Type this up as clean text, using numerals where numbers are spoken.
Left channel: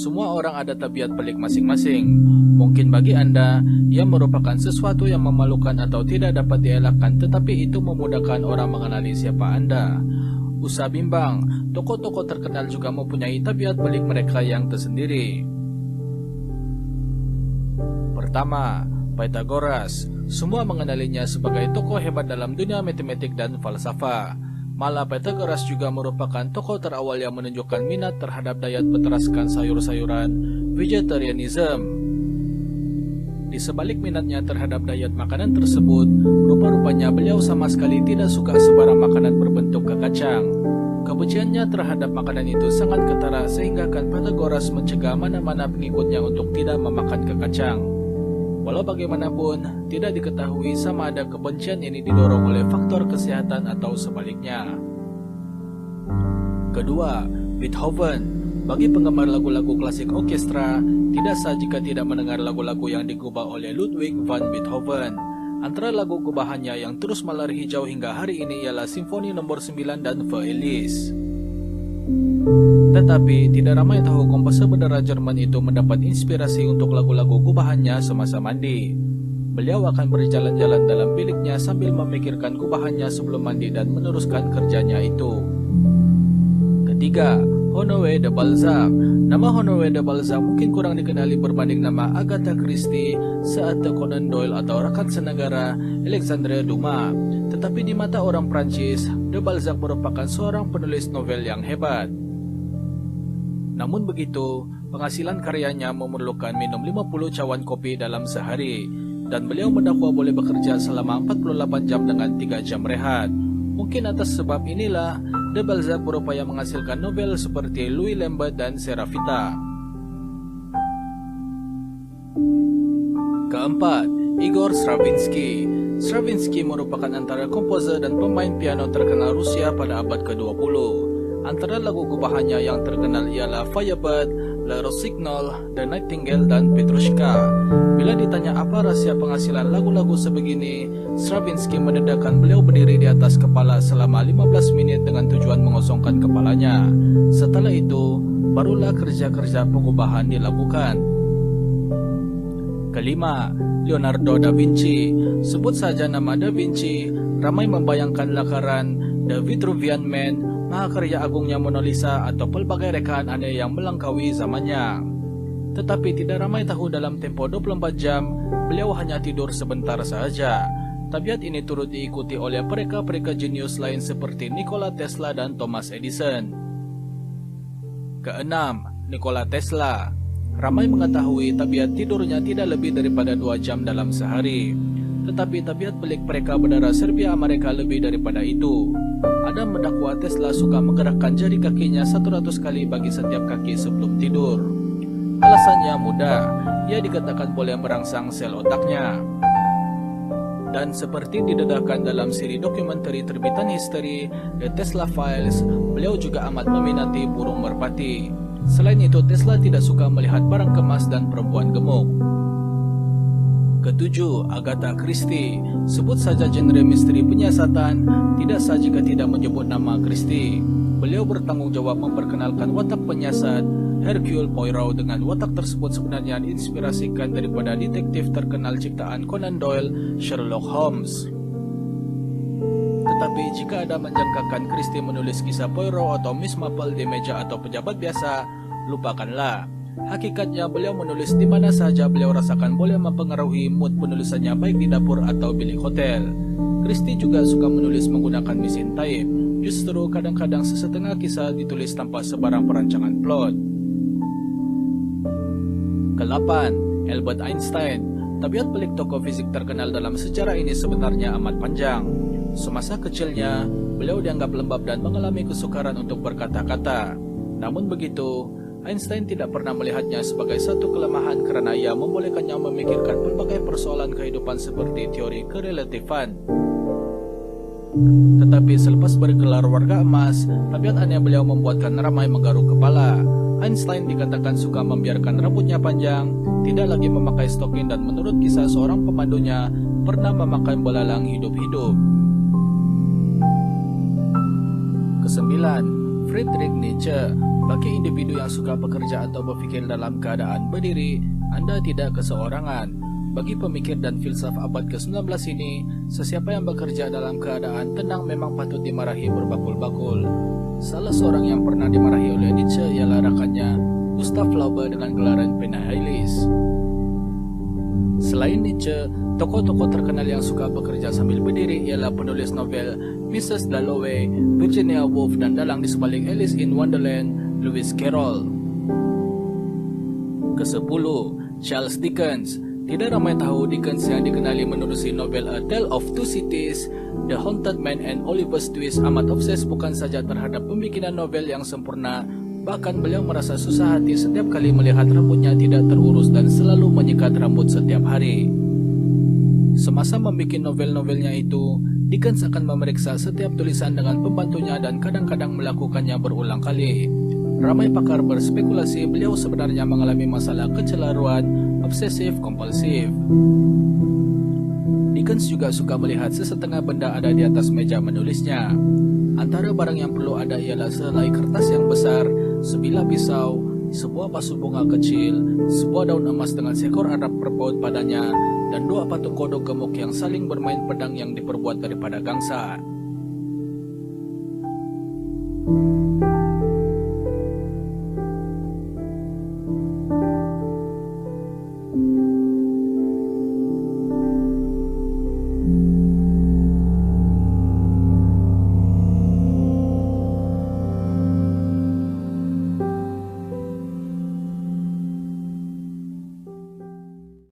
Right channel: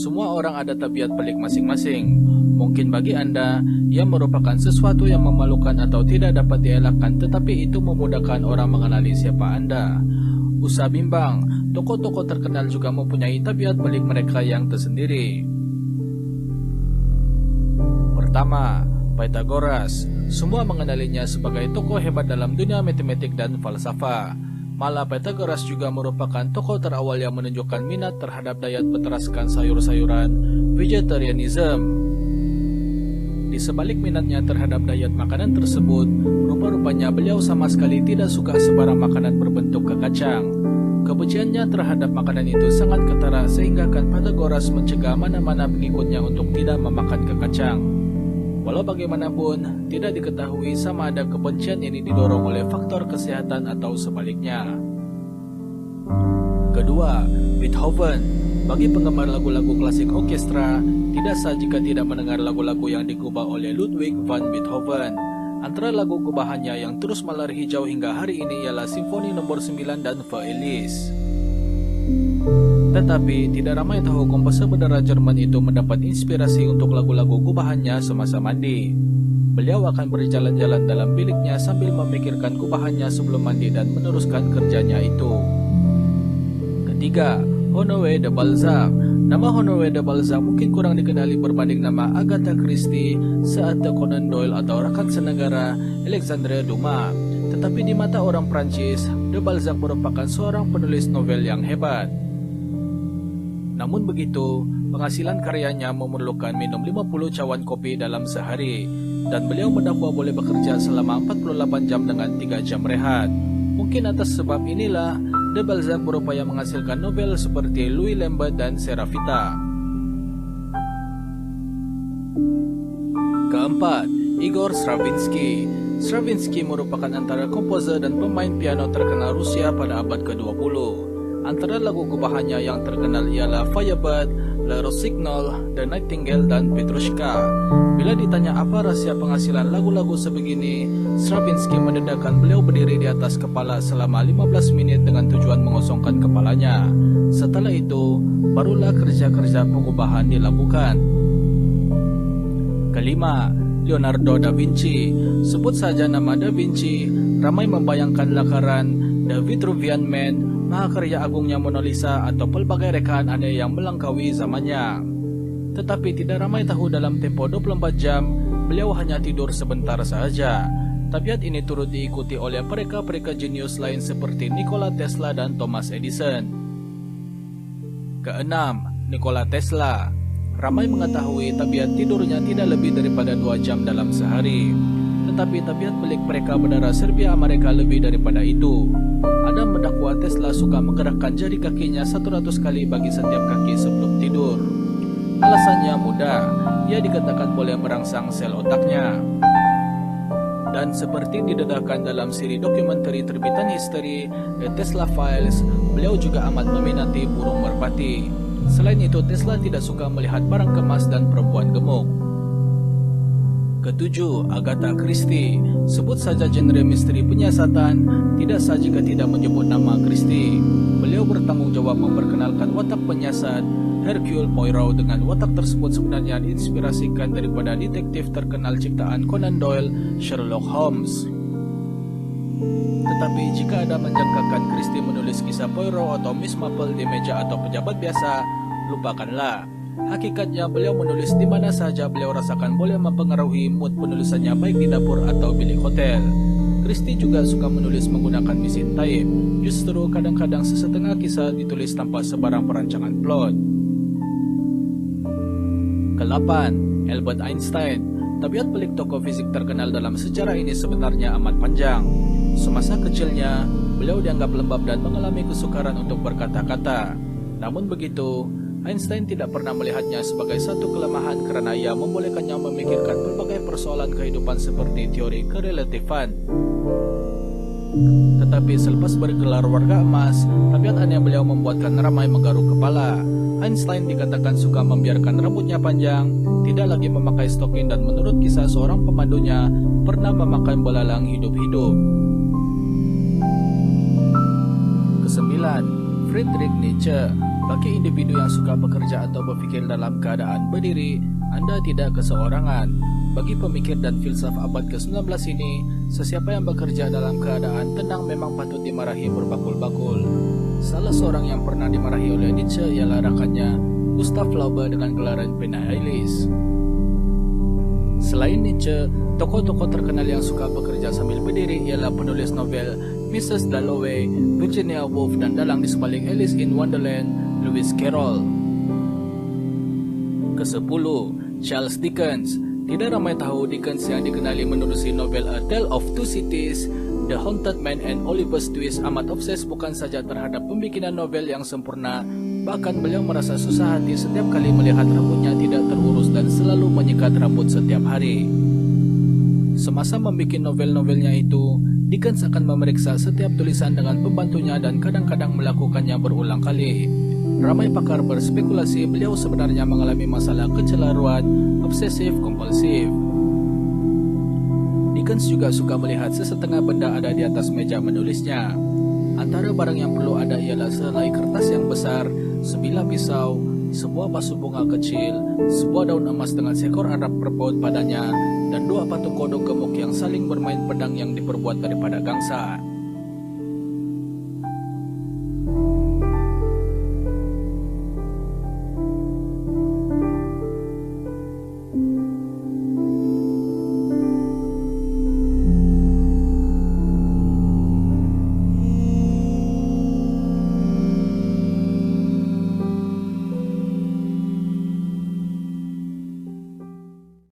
Semua orang ada tabiat pelik masing-masing. Mungkin bagi Anda, ia merupakan sesuatu yang memalukan atau tidak dapat dielakkan, tetapi itu memudahkan orang mengenali siapa Anda. Usah bimbang, tokoh-tokoh terkenal juga mempunyai tabiat pelik mereka yang tersendiri. Pertama, Pythagoras. Semua mengenalinya sebagai tokoh hebat dalam dunia matematik dan falsafah. Malah Pythagoras juga merupakan tokoh terawal yang menunjukkan minat terhadap diet berteraskan sayur-sayuran, vegetarianism. Di sebalik minatnya terhadap diet makanan tersebut, rupa-rupanya beliau sama sekali tidak suka sebarang makanan berbentuk kekacang. Kebenciannya terhadap makanan itu sangat ketara sehingga Pythagoras mencegah mana-mana pengikutnya untuk tidak memakan kekacang. Walau bagaimanapun, tidak diketahui sama ada kebencian ini didorong oleh faktor kesehatan atau sebaliknya. Kedua, Beethoven. Bagi penggemar lagu-lagu klasik orkestra, tidak sah jika tidak mendengar lagu-lagu yang digubah oleh Ludwig van Beethoven. Antara lagu gubahannya yang terus melar hijau hingga hari ini ialah Simfoni nomor 9 dan Feuillis. Tetapi tidak ramai tahu komposer berdarah Jerman itu mendapat inspirasi untuk lagu-lagu gubahannya semasa mandi. Beliau akan berjalan-jalan dalam biliknya sambil memikirkan gubahannya sebelum mandi dan meneruskan kerjanya itu. Ketiga, Honoré de Balzac. Nama Honoré de Balzac mungkin kurang dikenali berbanding nama Agatha Christie, Arthur Conan Doyle atau rakan senegara Alexandre Dumas. Tetapi di mata orang Prancis, de Balzac merupakan seorang penulis novel yang hebat. Namun begitu, penghasilan karyanya memerlukan minum 50 cawan kopi dalam sehari, dan beliau mendakwa boleh bekerja selama 48 jam dengan 3 jam rehat. Mungkin atas sebab inilah, de Balzac berupaya menghasilkan novel seperti Louis Lambert dan Serafita. Keempat, Igor Stravinsky. Stravinsky merupakan antara komposer dan pemain piano terkenal Rusia pada abad ke-20. Antara lagu gubahannya yang terkenal ialah Firebird, Le Rossignol, The Nightingale, dan Petrushka. Bila ditanya apa rahasia penghasilan lagu-lagu sebegini, Stravinsky mendedahkan beliau berdiri di atas kepala selama 15 menit dengan tujuan mengosongkan kepalanya. Setelah itu, barulah kerja-kerja pengubahan dilakukan. Kelima, Leonardo da Vinci. Sebut saja nama Da Vinci, ramai membayangkan lakaran The Vitruvian Man, mahakarya agungnya Mona Lisa atau pelbagai rekaan aneh yang melangkaui zamannya. Tetapi tidak ramai tahu dalam tempo 24 jam, beliau hanya tidur sebentar saja. Tabiat ini turut diikuti oleh pereka-pereka jenius lain seperti Nikola Tesla dan Thomas Edison. Keenam, Nikola Tesla. Ramai mengetahui tabiat tidurnya tidak lebih daripada 2 jam dalam sehari. Tetapi tabiat pelik pereka berdarah Serbia Amerika lebih daripada itu. Ada mendakwa Tesla suka menggerakkan jari kakinya 100 kali bagi setiap kaki sebelum tidur. Alasannya mudah, ia dikatakan boleh merangsang sel otaknya. Dan seperti didedahkan dalam siri dokumenter terbitan History, The Tesla Files, beliau juga amat meminati burung merpati. Selain itu, Tesla tidak suka melihat barang kemas dan perempuan gemuk. Ketujuh, Agatha Christie. Sebut saja genre misteri penyiasatan, tidak sah jika tidak menyebut nama Christie. Beliau bertanggung jawab memperkenalkan watak penyiasat Hercule Poirot. Dengan watak tersebut sebenarnya diinspirasikan daripada detektif terkenal ciptaan Conan Doyle, Sherlock Holmes. Tetapi jika Anda menjangkakan Christie menulis kisah Poirot atau Miss Marple di meja atau pejabat biasa, lupakanlah. Hakikatnya beliau menulis di mana saja beliau rasakan boleh mempengaruhi mood penulisannya baik di dapur atau bilik hotel. Christie juga suka menulis menggunakan mesin type. Justru kadang-kadang sesetengah kisah ditulis tanpa sebarang perancangan plot. Ke-8, Albert Einstein. Tabiat pelik tokoh fisik terkenal dalam sejarah ini sebenarnya amat panjang. Semasa kecilnya, beliau dianggap lembab dan mengalami kesukaran untuk berkata-kata. Namun begitu, Einstein tidak pernah melihatnya sebagai satu kelemahan karena ia membolehkannya memikirkan berbagai persoalan kehidupan seperti teori kerelatifan. Tetapi selepas bergelar warga emas, tabiat aneh beliau membuatkan ramai menggaruk kepala. Einstein dikatakan suka membiarkan rambutnya panjang, tidak lagi memakai stoking, dan menurut kisah seorang pemandunya, pernah memakan belalang hidup-hidup. Kesembilan, Friedrich Nietzsche. Bagi individu yang suka bekerja atau berpikir dalam keadaan berdiri, Anda tidak keseorangan. Bagi pemikir dan filsuf abad ke-19 ini, sesiapa yang bekerja dalam keadaan tenang memang patut dimarahi berbakul-bakul. Salah seorang yang pernah dimarahi oleh Nietzsche ialah rakannya, Gustav Flaubert, dengan gelaran Penheilis. Selain Nietzsche, tokoh-tokoh terkenal yang suka bekerja sambil berdiri ialah penulis novel Mrs. Dalloway, Virginia Woolf, dan dalang di sebalik Alice in Wonderland, Lewis Carroll. Ke-10, Charles Dickens. Tidak ramai tahu Dickens yang dikenali menulis novel A Tale of Two Cities, The Haunted Man, and Oliver's Twist amat obses bukan saja terhadap pembikinan novel yang sempurna, bahkan beliau merasa susah hati setiap kali melihat rambutnya tidak terurus dan selalu menyikat rambut setiap hari. Semasa membuat novel-novelnya itu, Dickens akan memeriksa setiap tulisan dengan pembantunya dan kadang-kadang melakukannya berulang kali. Ramai pakar berspekulasi beliau sebenarnya mengalami masalah kecelaruan obsesif-kompulsif. Dickens juga suka melihat sesetengah benda ada di atas meja menulisnya. Antara barang yang perlu ada ialah sehelai kertas yang besar, sebilah pisau, sebuah pasu bunga kecil, sebuah daun emas dengan seekor Arab berbaut padanya, dan dua patung kodok gemuk yang saling bermain pedang yang diperbuat daripada gangsa.